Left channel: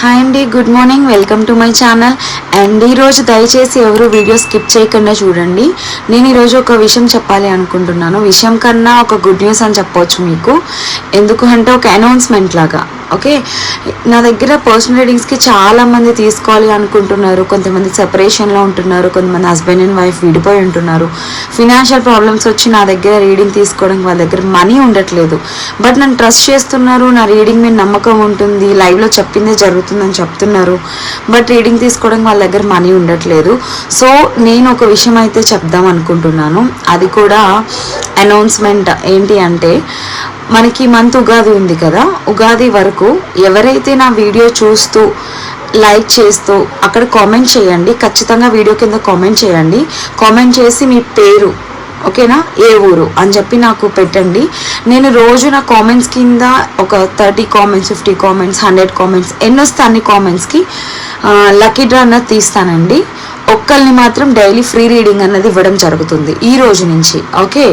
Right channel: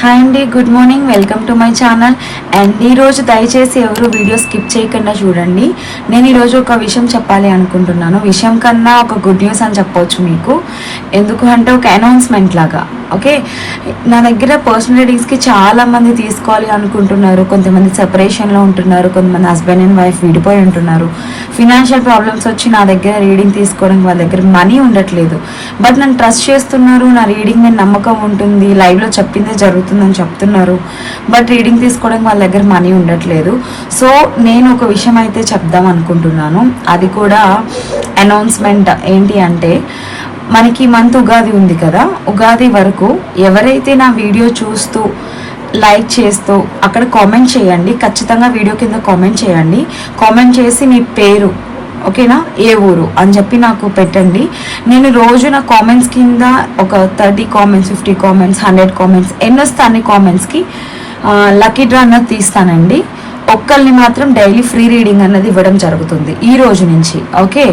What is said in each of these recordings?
Hi అండి good morning welcome to my channel and ఈరోజు దయచేసి ఎవరు వీడియో స్కిప్ చేయకుండా చూడండి. నేను ఈరోజు ఒక విషయం చెప్పాలి అనుకుంటున్నాను. విషయం కన్నా ఒక గుడ్ న్యూస్ అని చెప్పవచ్చు మీకు. ఎందుకు అంటే ఒక అనౌన్స్మెంట్ లాగా. ఓకే నా దగ్గర పర్సనల్ రీడింగ్స్కి చాలామంది తీసుకోవాలి అనుకుంటున్నారు. కొంతమంది సెపరేషన్లో ఉంటున్నారు కొంతమంది హస్బెండ్ అండ్ వైఫ్ విడిపోయి ఉంటున్నారు. ఫినాన్షియల్ ప్రాబ్లమ్స్ వచ్చి నా దగ్గర రీడింగ్ తీసుకోవడానికి వాళ్ళ దగ్గర మనీ ఉండట్లేదు. బట్ నన్ను ట్రస్ట్ చేస్తున్నారు నా రీడింగ్ మీద నమ్మకం ఉంటుంది లైవ్లో చెప్పిందే జరుగుతుందని చెప్తున్నారు. బట్ రీడింగ్ తీసుకోవడానికి వాళ్ళ దగ్గర మనీ ఉండట్లేదు. సో నేను ఒక విషయం అయితే చెప్దాం అనుకుంటున్నాను. అది కూడా అనౌన్స్మెంట్ ఏంటి అంటే మనకి మంత్ ఉగాది ఉంది కదా ఉగాది వరకు ఎవరైతే నా వీడియో చూస్తూ లైక్ చేస్తూ అక్కడ కామెంట్ చేయండి ఖచ్చితంగా వీడియో కింద కామెంట్ చేయండి. కామెంట్ చేసి మీ పేరు ఓకేనా? ఏ ఊరు అని చెప్పి నాకు పెట్టండి. నేను రోజు నా కామెంట్స్ కింద ఒక thirty comments fifty comments hundred comments ఎన్ని వస్తే అన్ని కామెంట్స్కి లక్కీ డ్రా అన్నది తీస్తానండి. ఒక్కరిని మాత్రం డైలీ ఫ్రీ రీడింగ్ అన్నది ఇవ్వడం జరుగుతుంది ఈ రోజు నుంచి ఓకే?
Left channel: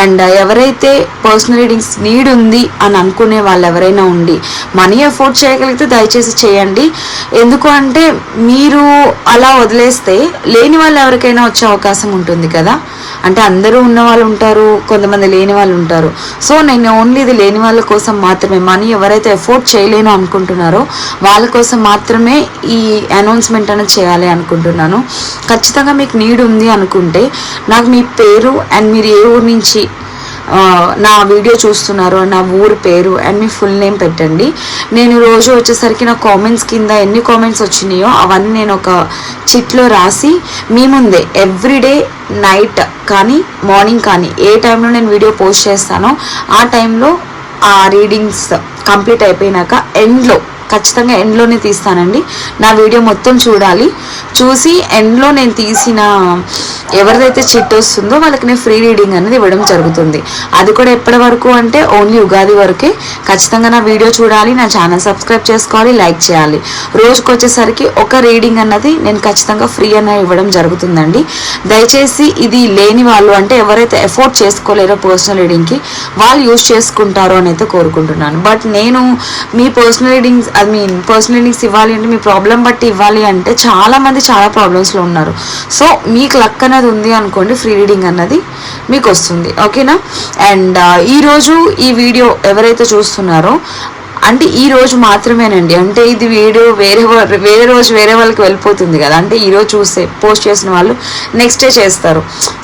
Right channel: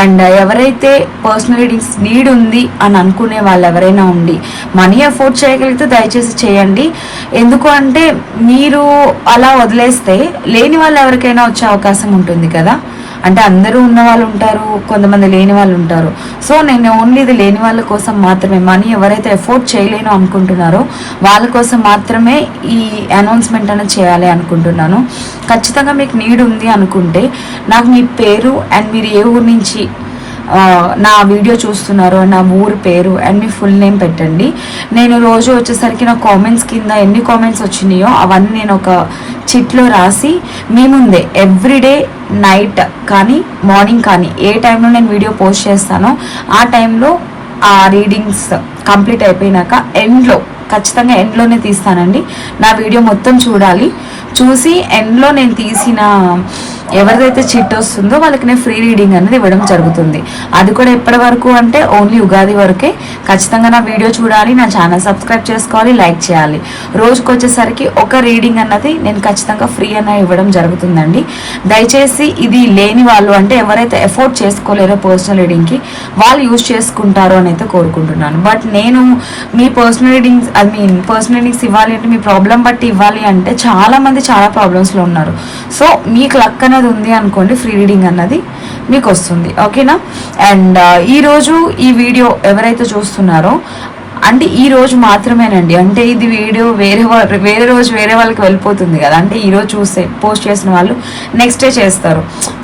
అండ్ ఎవరైతే పర్సనల్ రీడింగ్స్ నీడ్ ఉంది అని అనుకునే వాళ్ళు ఎవరైనా ఉండి మనీ అఫోర్డ్ చేయగలిగితే దయచేసి చేయండి. ఎందుకు అంటే మీరు అలా వదిలేస్తే లేని వాళ్ళు ఎవరికైనా వచ్చే అవకాశం ఉంటుంది కదా. అంటే అందరూ ఉన్న వాళ్ళు ఉంటారు కొంతమంది లేని వాళ్ళు ఉంటారు. సో నేను ఓన్లీ ఇది లేని వాళ్ళ కోసం మాత్రమే మనీ ఎవరైతే ఎఫోర్డ్ చేయలేను అనుకుంటున్నారో వాళ్ళ కోసం మాత్రమే ఈ అనౌన్స్మెంట్ అనేది చేయాలి అనుకుంటున్నాను. ఖచ్చితంగా మీకు నీడ్ ఉంది అనుకుంటే నాకు మీ పేరు అండ్ మీరు ఏ ఊరు నుంచి నా వీడియో చూస్తున్నారు నా ఊరి పేరు అండ్ మీ ఫుల్ నేమ్ పెట్టండి. నేను రోజు వచ్చేసరికి నా కామెంట్స్ కింద ఎన్ని కామెంట్స్ వచ్చినాయో అవన్నీ నేను ఒక చిట్లో రాసి మీ ముందే ఎవ్రీడే నైట్ కానీ మార్నింగ్ కానీ ఏ టైంలో నేను వీడియో పోస్ట్ చేస్తానో ఆ టైంలో ఆ రీడింగ్స్ కంప్లీట్ అయిపోయినాక ఎండ్లో ఖచ్చితంగా ఎండ్లోనే తీస్తానండి. నా వీడియో మొత్తం చూడాలి. చూసి ఎండ్లో నేను తీసిన ఎవరిదైతే చిట్ వస్తుందో వాళ్ళకి నేను ఫ్రీ రీడింగ్ అనేది ఇవ్వడం జరుగుతుంది. అది కూడా ఎప్పటి వరకు అంటే ఓన్లీ ఉగాది వరకే. ఖచ్చితంగా నా వీడియో చూడాలి నా ఛానల్ సబ్స్క్రైబ్ చేసుకోవాలి లైక్ చేయాలి. రోజుకు వచ్చేసరికి ఒక రీడింగ్ అన్నది నేను ఖచ్చితంగా ఫ్రీ అనేది ఇవ్వడం జరుగుతుందండి. దయచేసి ఇది లేని వాళ్ళు అంటే ఎవరైతే ఎఫోర్డ్ చేసుకోలేరో పర్సనల్ రీడింగ్కి వాళ్ళు యూజ్ చేసుకుంటారో అని అయితే కోరుకుంటున్నాను. బట్ నేను మీ personal readings I mean personal readings ఇవ్వాలి అంటే మీ ప్రాబ్లం బట్టి ఇవ్వాలి అంటే చాలా మంది చాలా ప్రాబ్లమ్స్లో ఉన్నారు. సో మీకు లక్ అనేది ఉంది అనుకోండి ఫ్రీ రీడింగ్ అన్నది మీకు వస్తుంది. ఓకేనా అండ్ ఈరోజు ఈ వీడియో ఎవరైతే చూస్తున్నారో అంటే ఈ రోజు మాత్రమేనండి. అంటే ఇది వీడియో వేరే వాళ్ళు వేరే రోజు వేరే వాళ్ళకి వెళ్ళిపోతుంది కదా. అంటే ఈరోజు చూస్తే పోస్ట్ చేసిన వాళ్ళు నెక్స్ట్ డే చేస్తారు.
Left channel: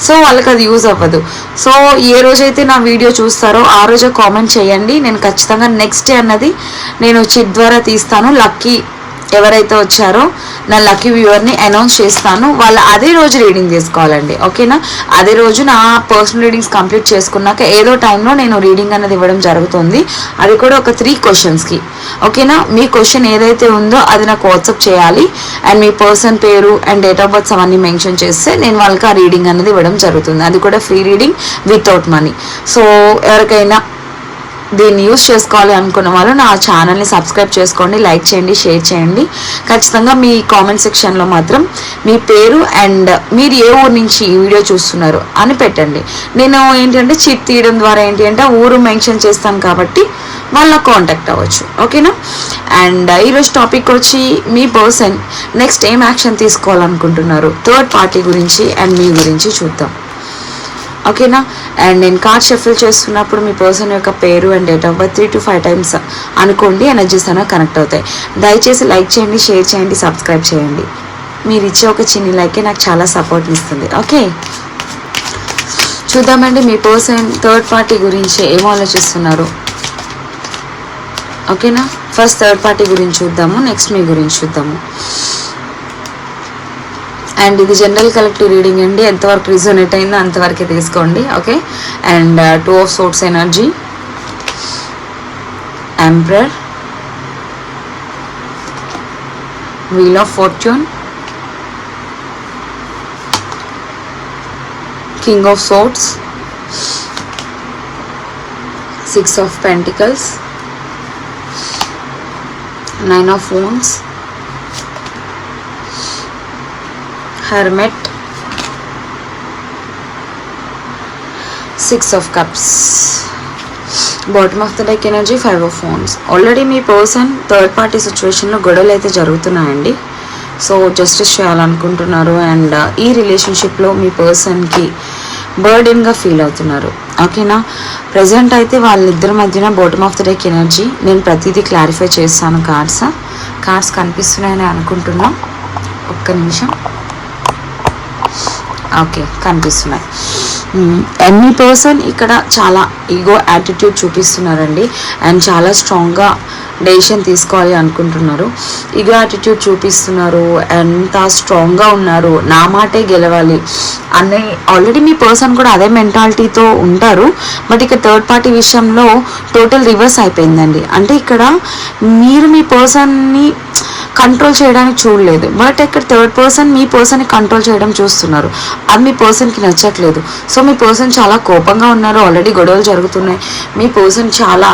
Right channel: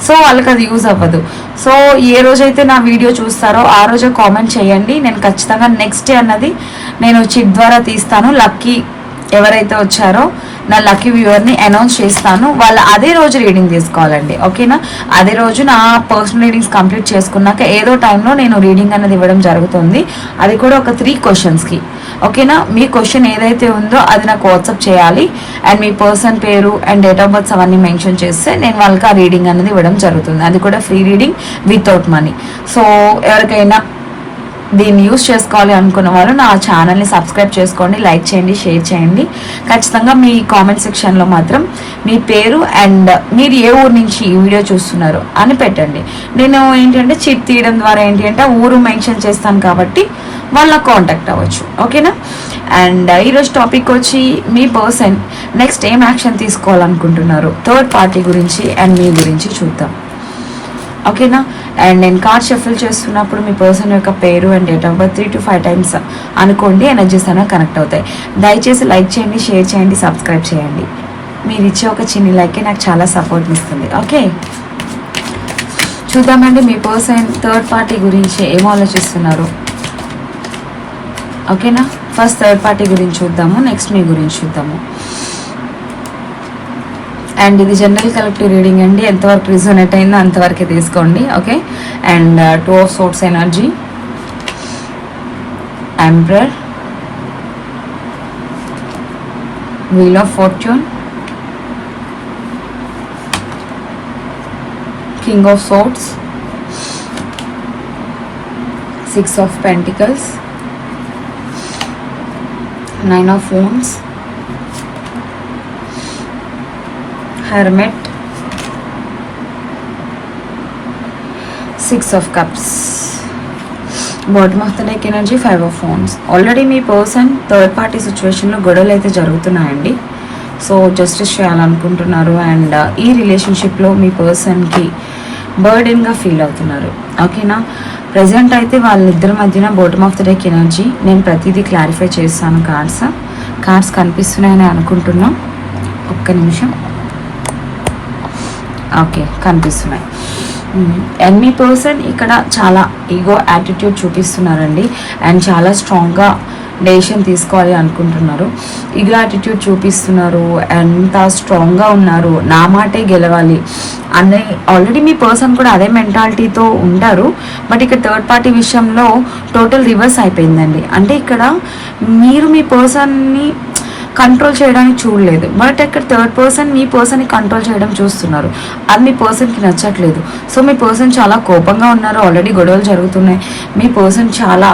సో వాళ్ళకి అది యూజ్ అవ్వదు. సో ఏ రోజైతే నా వీడియో చూస్తారో ఆ రోజే కామెంట్ చేయండి. నేను ఖచ్చితంగా నెక్స్ట్ డే అన్నది నేను చిట్ ద్వారా తీస్తాను. లక్కీ ఎవరైతే వచ్చారో నా లక్కీ వ్యూవర్ని అనౌన్స్ చేస్తాను. వాళ్ళ అదే రోజు రీడింగ్ తీసుకోవాలండి. ఓకేనా? అదే రోజు నా పర్సనల్ రీడింగ్స్ కంప్లీట్ చేసుకున్నాక ఏదో టైంలో నేను రీడింగ్ అనేది ఇవ్వడం జరుగుతుంది. అది కూడా ఒక త్రీ క్వశ్చన్స్కి ఓకేనా? మీ క్వశ్చన్ ఏదైతే ఉందో అది నాకు వాట్సాప్ చేయాలి. అండ్ మీ పర్సన్ పేరు అండ్ డేట్ ఆఫ్ బర్త్స్ అవన్నీ మెన్షన్ చేస్తే నేను వాళ్ళకి ఆ రీడింగ్ అనేది ఇవ్వడం జరుగుతుంది. అది కూడా free reading without money so ఎవరికైనా దీన్ని యూస్ చేసుకోవాలి అనుకున్న వాళ్ళు నా ఛానల్ని సబ్స్క్రైబ్ చేసుకోండి లైక్ చేయండి షేర్ చేయండి. ఖచ్చితంగా మీ కామెంట్ సెక్షన్లో మాత్రం మీ పేరు అండ్ మీరు ఏ ఊరు నుంచి ఈ వీడియో చూస్తున్నారు అని పెట్టండి. నేను ఏంటంటే చిట్ తీయడం ద్వారా ఏంటి అంటే ఊరు మెన్షన్ చేస్తాను కాబట్టి వాళ్ళ కాంటాక్ట్ అవ్వచ్చు. ఓకేనా? అండ్ ఈరోజు టాపిక్ వచ్చి మీ పర్సన్ నెక్స్ట్ ఏం యాక్షన్ తీసుకోవాలనుకుంటున్నారు? థర్డ్ పార్టీ గురించి అండ్ మీ గురించి చూద్దాం. ఓకేనా? అండ్ నేను కార్డ్ షఫిల్ చేస్తున్నప్పుడు మీ పర్సన్ యొక్క పేరు and date of birth three to five times అనుకోండి ఎనర్జీస్ అనేవి కనెక్ట్ అవుతాయి. దయచేసి లైక్ చేయండి షేర్ చేయండి సబ్స్క్రైబ్ చేయండి. మీరు ఇచ్చే ఒక చిన్న లైకే నాకు చాలా సపోర్ట్ ఇస్తుంది. ఓకే? చూద్దామండి మీ పర్సన్ థర్డ్ పార్టీ గురించి ఏం ఆలోచిస్తున్నారు? ఓకేనా? ఫస్ట్ థర్డ్ పార్టీ గురించి చూద్దాము నెక్స్ట్ మీ గురించి చూద్దాము. అండ్ ఇది జనరల్ కలెక్టివ్ రీడింగ్ అండి. ఎంతవరకు రిజోనేట్ అయిందో అంతవరకే తీసుకోండి. Okay and two of swords energy emperor wheel of fortune king of swords six of pentacles nine of wounds hermit six of cups bottom of the deck energy five of phones already మీ person third party సిచ్యువేషన్లో గొడవలు అయితే జరుగుతున్నాయండి. So justice చేయాలనుకుంటున్నారు and uh, ఈ రిలేషన్షిప్లో మీ పర్సన్కి బర్డెన్గా feel అవుతున్నారు. ఓకేనా ప్రజెంట్ అయితే వాళ్ళిద్దరి మధ్యన bottom of the deck energy నేను ప్రతిదీ క్లారిఫై చేస్తాను కార్డ్స్ కార్డ్స్ కనిపిస్తున్నాయని అనుకుంటున్నాం. ఒక్క నిమిషం. ఓకే కనిపిస్తున్నాయి. అండ్ మీ పర్సన్ ఇక్కడ చాలా ఈగో యాటిట్యూడ్ చూపిస్తున్నారండి. అండ్ చాలా స్ట్రాంగ్గా డెసిషన్ తీసుకోవాలి అనుకుంటున్నారు. ఈగో యాటిట్యూడ్ చూపిస్తున్నారు. ఎంత స్ట్రాంగ్గా ఉన్నారు. నా మాటే గెలవాలి. అనే ఆల్రెడీ మీ పర్సన్ కూడా అదే మెంటాలిటీతో ఉంటారు. బట్ ఇక థర్డ్ పార్టీ విషయంలో టోటల్ రివర్స్ అయిపోయిందండి. అంటే ఇక్కడ మీరు మీ పర్సన్ని కంట్రోల్ చేయడానికి చూడలేదు. బట్ ఇక్కడ థర్డ్ పర్సన్ మీ పర్సన్ని కంట్రోల్ చేయడం చూస్తున్నారు. అది మీ పర్సన్కి నచ్చట్లేదు. సో మీ పర్సన్ చాలా కోపంగా ఉన్నారు. ఆల్రెడీ గొడవలు జరుగుతున్నాయి. మీ పర్సన్ చాలా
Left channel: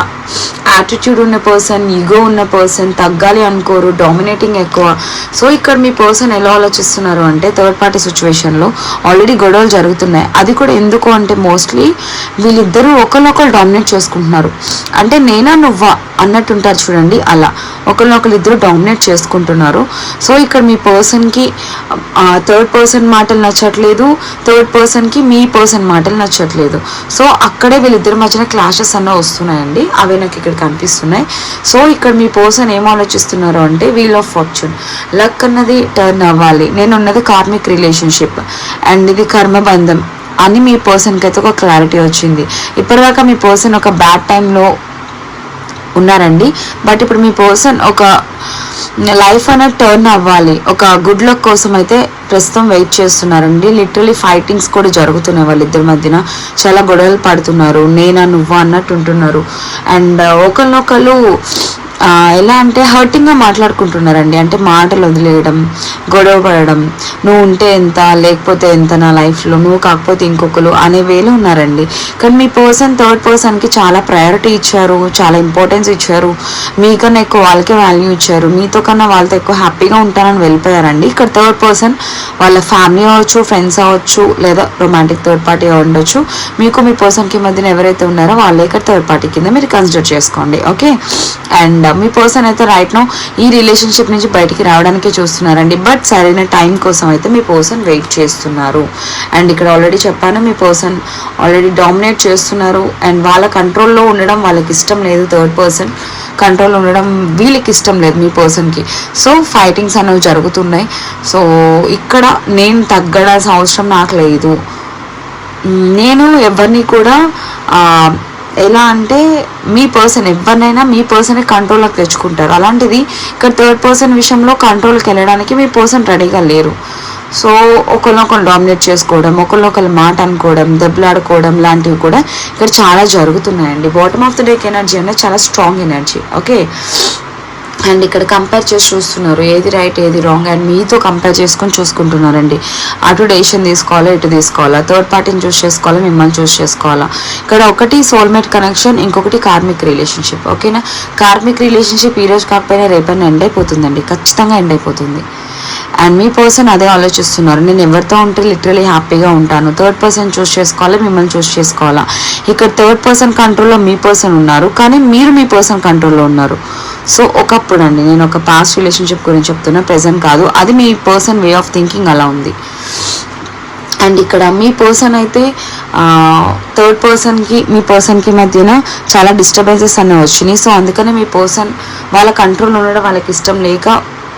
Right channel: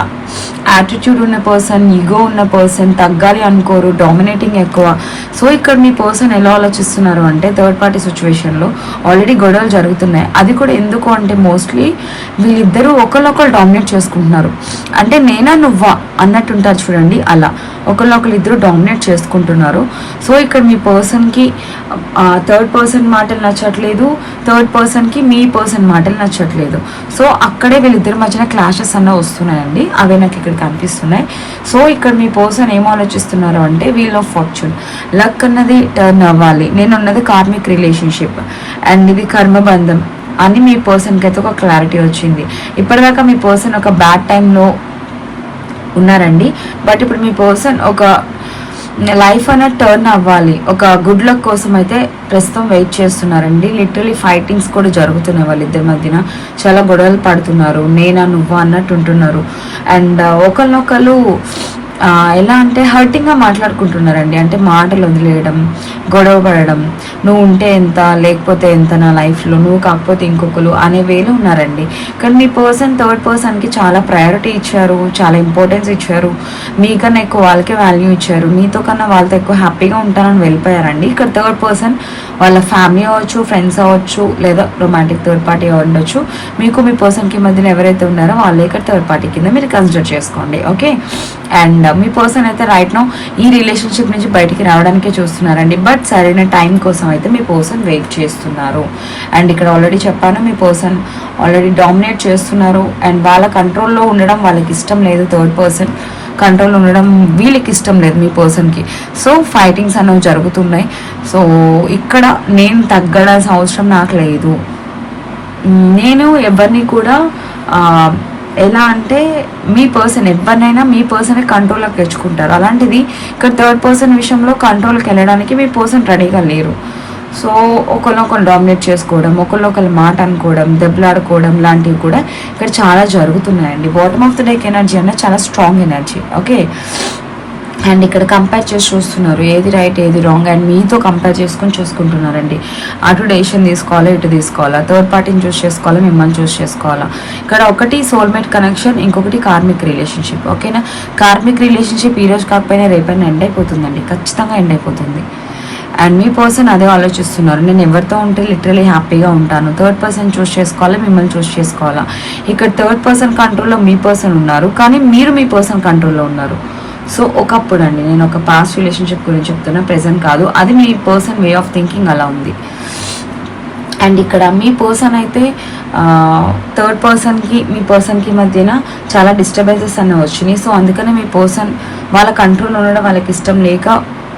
యాటిట్యూడ్ ఉన్న పర్సన్ ఈగో ఉన్న పర్సన్ తగ్గాలి అనుకోరు డామినేటింగ్ ఎక్కువ. సో ఇక్కడ మీ పర్సన్ ఎలా ఆలోచిస్తున్నారు అంటే థర్డ్ పార్టీ సిచ్యువేషన్లో ఆల్రెడీ గొడవలు జరుగుతున్నాయి. అది కూడా ఎందుకు అంటే మోస్ట్లీ వీళ్ళిద్దరూ ఒకరినొకరు డామినేట్ చేసుకుంటున్నారు. అంటే నేనా నువ్వా అన్నట్టుంటారు చూడండి అలా. ఒకరినొకరు ఇద్దరు డామినేట్ తీసుకుంటున్నారు సో ఇక్కడ మీ పర్సన్కి థర్డ్ పర్సన్ మాటలు నచ్చట్లేదు. థర్డ్ పర్సన్కి మీ పర్సన్ మాటలు నచ్చట్లేదు. సో అక్కడే వీళ్ళిద్దరి మధ్యన క్లాషెస్ అన్న వస్తున్నాయండి. అవే నాకు ఇక్కడ కనిపిస్తున్నాయి. సో ఇక్కడ మీ పర్సన్ ఏం ఆలోచిస్తున్నారు అంటే వీల్ ఆఫ్ ఫార్చ్యూన్ లక్ అన్నది టర్న్ అవ్వాలి. నేను ఉన్నది కార్మిక్ రిలేషన్షిప్ అండ్ ఇది కర్మబంధం అని మీ పర్సన్కి అయితే ఒక క్లారిటీ వచ్చింది. ఇప్పటిదాకా మీ పర్సన్ ఒక బ్యాడ్ టైంలో ఉన్నారండి. బట్ ఇప్పుడు మీ పర్సన్ ఒక లైఫ్ అనేది టర్న్ అవ్వాలి. ఒక గుడ్ లక్ కోసం అయితే ప్రస్తుతం వెయిట్ చేస్తున్నారండి. లిటరలీ ఫైటింగ్స్ కూడా జరుగుతున్నాయి వాళ్ళిద్దరి మధ్యన. చాలా గొడవలు పడుతున్నారు. నేనా నువ్వా అన్నట్టు ఉంటున్నారు. అండ్ uh, ఒకరినొకరు ఎలా అంటే హర్టింగ్గా మాట్లాడుకుంటున్నారండి. అంటే మాటలు వదిలేయడం గొడవ పడడం నువ్వు ఉంటే ఎంత లేకపోతే ఎంత నా లైఫ్లో నువ్వు కాకపోతే ఇంకొకరు అనే వేలు ఉన్నారండి. కానీ మీ పర్సన్ థర్డ్ పర్సన్కి చాలా ప్రయారిటీ ఇచ్చారు చాలా ఇంపార్టెన్స్ ఇచ్చారు. మీకన్నా ఎక్కువ వాళ్ళకే వాల్యూ ఇచ్చారు. మీతో కన్నా వాళ్ళతో ఎక్కువ హ్యాపీగా ఉంటానని వెళ్ళిపోయారండి. ఇక్కడ థర్డ్ పర్సన్ వాళ్ళ ఫ్యామిలీ అవ్వచ్చు ఫ్రెండ్స్ అవ్వచ్చు లేదా రొమాంటిక్ థర్డ్ పార్టీ ఉండొచ్చు. మీకు మీ పర్సన్కి మధ్యన ఎవరైతే ఉన్నారో వాళ్ళే ఇక్కడ థర్డ్ పార్టీ కింద మీరు కన్సిడర్ చేసుకోండి. ఓకే? అండ్ మీ పర్సన్ అయితే రైట్ నో ఈ రిలేషన్షిప్ నుంచి బయటికి రావడానికే చూస్తున్నారండి. బట్ సరైన టైం కోసం అయితే మీ పర్సన్ వెయిట్ చేస్తున్నారు. అండ్ ఇక్కడ ఆల్రెడీ చెప్పాను మీ పర్సన్ ఆల్రెడీ డామినేట్ చేస్తున్నారు. అండ్ వాళ్ళ కంట్రోల్లో ఉండడం వాళ్ళకి ఇష్టం లేదు. థర్డ్ పర్సన్ కంట్రోల్ ఉండడం వీళ్ళకి ఇష్టం లేదు మీ పర్సన్కి సో ఫైటింగ్స్ అనేవి జరుగుతున్నాయి. సో ఇక్కడ నేను తగ్గడాల్సిన అవసరం నాకు లేదు. నేను ఎవరిని కూడా ఎలా అంటే మీ పర్సన్ ఎవరినైనా మీ పర్సన్ కంట్రోల్లోకి తెచ్చుకుంటారు. అలాంటిది ఇక్కడ థర్డ్ పర్సన్ విషయంలో కంట్రోల్కి వెళ్ళడానికి మీ పర్సన్ రెడీగా లేరు. సో ఒకరినొకరు డామినేట్ చేసుకోవడం ఒకరినొకరు మాట అనుకోవడం దెబ్బలాడుకోవడం లాంటివి కూడా ఇక్కడ చాలా జరుగుతున్నాయండి. Bottom of the deck energy అనేది చాలా స్ట్రాంగ్ ఎనర్జీ ఓకే అండ్ ఇక్కడ కంపేర్ చేసి చూస్తున్నారు. ఏది రైట్ ఏది రాంగ్ అండ్ మీతో కంపేర్ చేసుకొని చూసుకుంటున్నారండి. అటు డెసిషన్ తీసుకోవాలా ఇటు తీసుకోవాలా? థర్డ్ పార్టీని చూస్ చేసుకోవాలా మిమ్మల్ని చూస్ చేసుకోవాలా? ఇక్కడ ఒకటి సోల్మేట్ కనెక్షన్ ఇంకొకటి కార్మిక్ రిలేషన్షిప్ ఓకేనా? కార్మిక్ రిలేషన్షిప్ ఈ రోజు కాకపోయినా రేపైనా ఎండ్ అయిపోతుందండి. ఖచ్చితంగా ఎండ్ అయిపోతుంది. అండ్ మీ పర్సన్ అదే ఆలోచిస్తున్నారు. నేను ఎవరితో ఉంటే లిటరలీ హ్యాపీగా ఉంటాను. థర్డ్ పర్సన్ చూస్ చేసుకోవాలి మిమ్మల్ని చూస్ చేసుకోవాలా? ఇక్కడ థర్డ్ పర్సన్ కంట్రోల్లో మీ పర్సన్ ఉన్నారు. కానీ మీరు మీ పర్సన్ కంట్రోల్లో ఉన్నారు. సో ఒకప్పుడు అండి నేను ఒక పాస్ట్ రిలేషన్షిప్ గురించి చెప్తున్నా ప్రెసెంట్ కాదు. అది మీ పర్సన్ వే ఆఫ్ థింకింగ్ అలా ఉంది. అండ్ ఇక్కడ మీ పర్సన్ అయితే థర్డ్ పర్సన్కి మీ పర్సన్కి మధ్యన చాలా డిస్టర్బెన్సెస్ అనేవి వచ్చినాయి. సో అందుకనే మీ పర్సన్ వాళ్ళ కంట్రోల్ ఉండడం వాళ్ళకి ఇష్టం లేక